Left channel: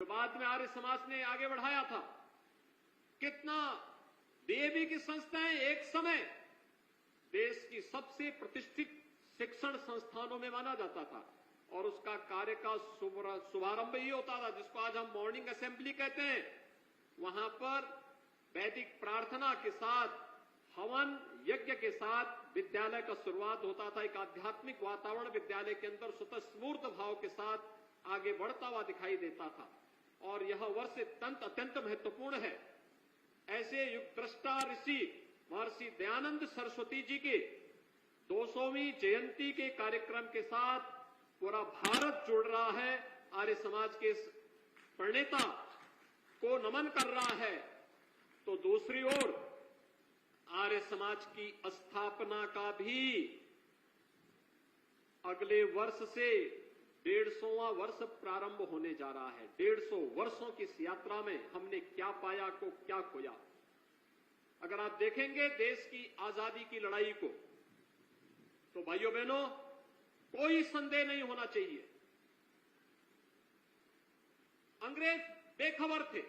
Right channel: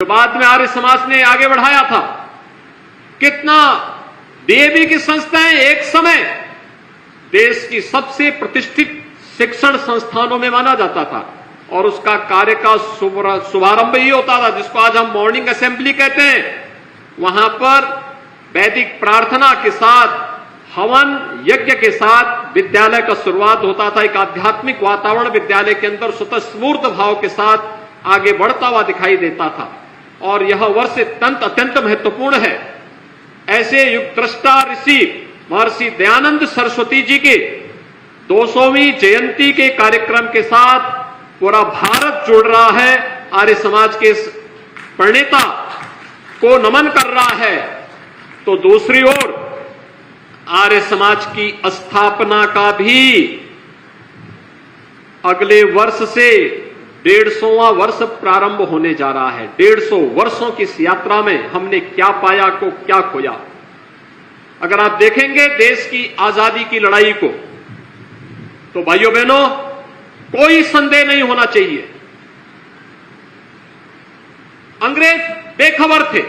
जो बाद में आर्य समाज ने आगे बढ़ाया था। कितना डीएवी की संस्थाएं एक समय देश की सबसे प्रतिष्ठित शिक्षण संस्थानों में माना जाता था और उसका कार्य का शुभारंभ ही होता था, जिसको आज हम मॉर्निंग असेंबली कहते हैं। वहां पर वैदिक प्रार्थना के साथ, हवन यज्ञ के साथ विद्यालय का शुरुआत होता था। एक आध्यात्मिक वातावरण विद्यालय के अंदर स्वतःस्फूर्त भाव के साथ आगे बढ़ता हुआ दिखाई देता था और यह वर्ष अत्यंत महत्वपूर्ण है। ऐसे युग दृष्टा ऋषि महर्षि दयानंद सरस्वती जी के 200वीं जयंती के कार्यक्रम के साथ पूरा भारत जुड़ रहा है, आर्य समाज के प्रणेता को नमन कर रहा है। तो दूसरी ओर आर्य समाज की स्थापना का भी अगले वर्ष से 150वां वर्ष प्रारंभ होने जा रहा है। 150 वर्षों की इस यात्रा में हमने क्या पाया को क्या खोया। अगर आप देखेंगे देश की आजादी की लड़ाई को, तो भाइयों बहनों कोई संदेह नहीं होना चाहिए, अंग्रेज बेखबर थे।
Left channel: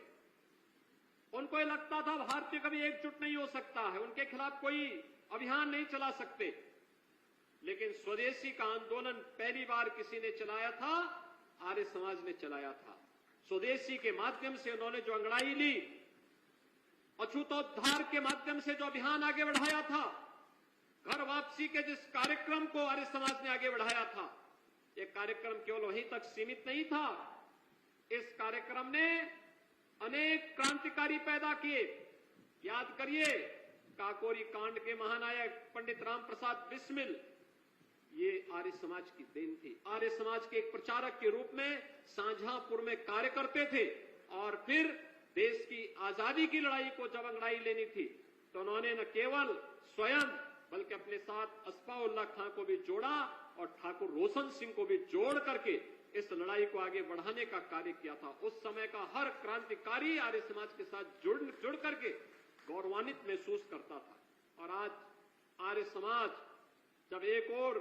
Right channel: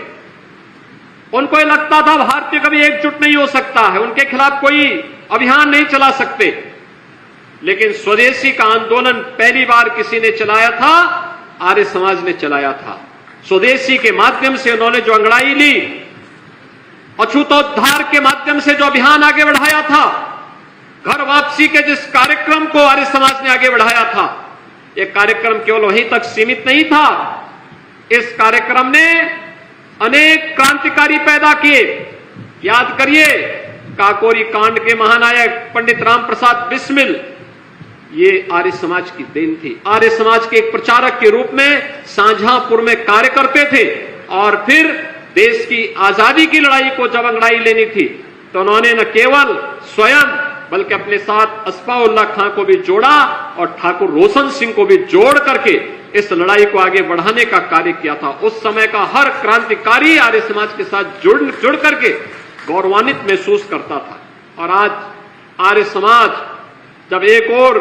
उनको यह लगता था भारतीय कभी एकजुट नहीं हो सकता है, उनके खिलाफ कोई अभियान नहीं चला सकते। लेकिन स्वदेशी का आंदोलन पहली बार किसी ने चलाया था, आर्य समाज ने चलाया था। स्वदेशी के माध्यम से उन्होंने जो अंगड़ाई ली, अछूतोद्धार के माध्यम से जो अभियान आगे बढ़ाया था, घर वापसी के जिस कार्यक्रम को आर्य समाज ने आगे बढ़ाया था, यह कार्यक्रम केवल वहीं तक सीमित नहीं था। इस कार्यक्रम ने अनेक क्रांतिकारी पैदा किए। याद करिए काकोरी कांड के महानायक पंडित राम प्रसाद बिस्मिल, ये आर्य समाज की देन थी। आर्य समाज के एक प्रचारक के रूप में शाहजहांपुर में कार्य करते थे और फिर देश की आजादी की लड़ाई को जब अंगड़ाई लेनी थी तो उन्होंने न केवल स्वयं बल्कि अपने साथ अस्फाउल्लाह खां को भी जोड़ा और ठाकुर रोशन सिंह को भी जोड़ करके इस लड़ाई को आगे बढ़ाने का कार्य किया था। उस समय का हर क्रांतिकारी आर्य समाज के साथ जुड़ करके गौरवान्वित महसूस करता था। और आज आर्य समाज जब एक ओर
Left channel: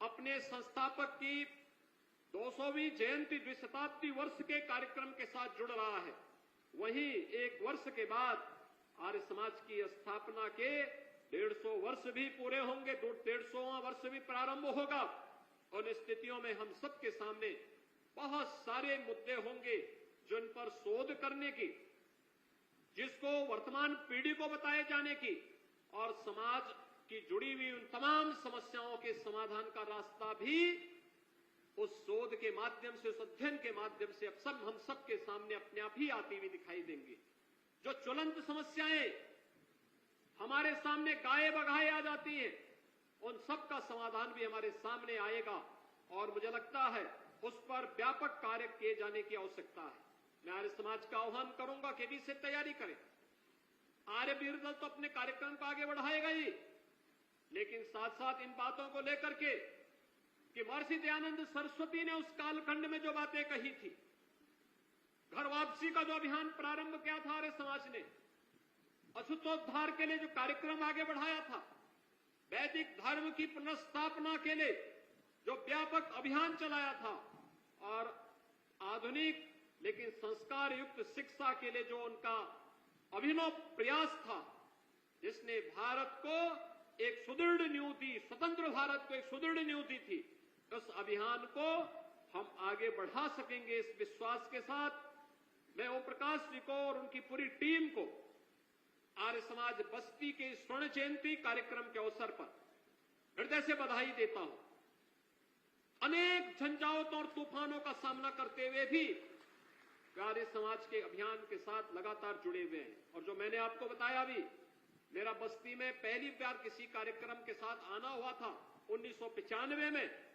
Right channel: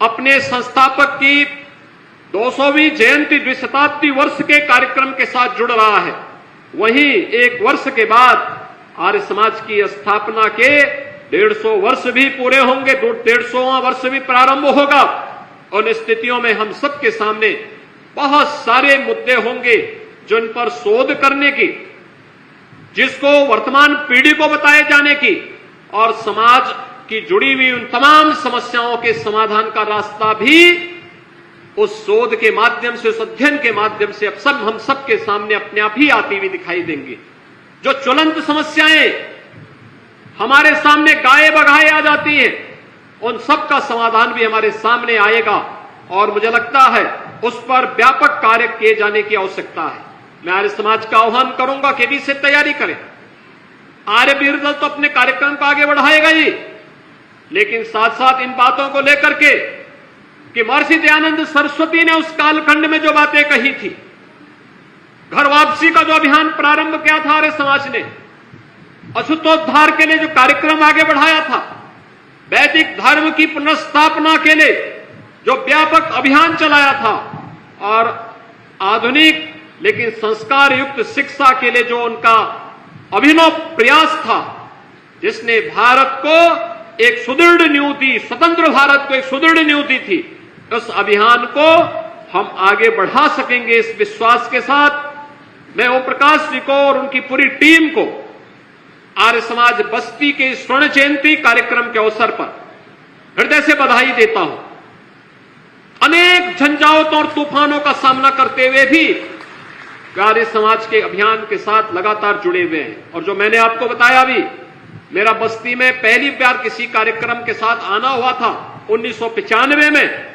अपने संस्थापक की 200वीं जयंती द्विशताब्दी वर्ष के कार्यक्रम के साथ जुड़ रहा है, वहीं एक वर्ष के बाद आर्य समाज की स्थापना के 150 वर्ष भी पूरे होंगे, 150वां वर्ष भी प्रारंभ होगा। उन स्थितियों में हम सबके सामने बहुत सारे मुद्दे होंगे जिन पर शोध करने की, जिसको वर्तमान पीढ़ी को बताए जाने की और समाज की जुड़ी हुई उन तमाम समस्याओं के समाधान का रास्ता भी उस शोध के माध्यम से, उस अध्ययन के माध्यम से अब सब हम सबके सामने अपने आप ही आती हुई दिखाई देंगी। जो ज्वलंत समस्याएं हमारे सामने गाये बगाए आ जाती हैं, उन सब का समाधान भी हमारे सामने आएगा और मुझे लगता है उस पर व्यापक कार्य किए जाने की आवश्यकता है। मैं आर्य समाज का आह्वान करूंगा कि भी से तैयारी करें। आर्य वीर दल तो अपने कार्यक्रम को आगे बढ़ाएगा ही, लेकिन साथ साथ इन बातों को लेकर के कि महर्षि दयानंद सरस्वती ने उस कालखंड में जो बातें कही थी, घर वापसी का जो अभियान प्रारंभ किया था आर्य समाज ने, अछूतोद्धार के लिए जो कार्यक्रम आगे बढ़ाया था, वैदिक धर्म की पुनर्स्थापना के लिए जो व्यापक अभियान चलाया था और आधुनिक लेकिन संस्कार युक्त शिक्षा के लिए जो उनका अभिनव प्रयास था, जिसने भारत को एक सुदृढ़ नींव दी, स्वतंत्र भारत को एक सुदृढ़ नींव दी थी, उस अभियान को हम आगे बढ़ा सकेंगे इस विश्वास के साथ मैं ओम प्रकाश जी को और उनकी पूरी टीम को आर्य समाज बस्ती के स्वर्ण जयंती कार्यक्रम के अवसर पर हृदय से बधाई देता हूं। अनेक झंझावातों और तूफानों का सामना करते हुए भी आर्य समाज के अभियान के साथ लगातार जुड़े हुए हैं। और जो मैंने आपको बताया भी, मेरा बस्ती में पहली बार किसी कार्यक्रम के साथ आना हुआ था 1995 में,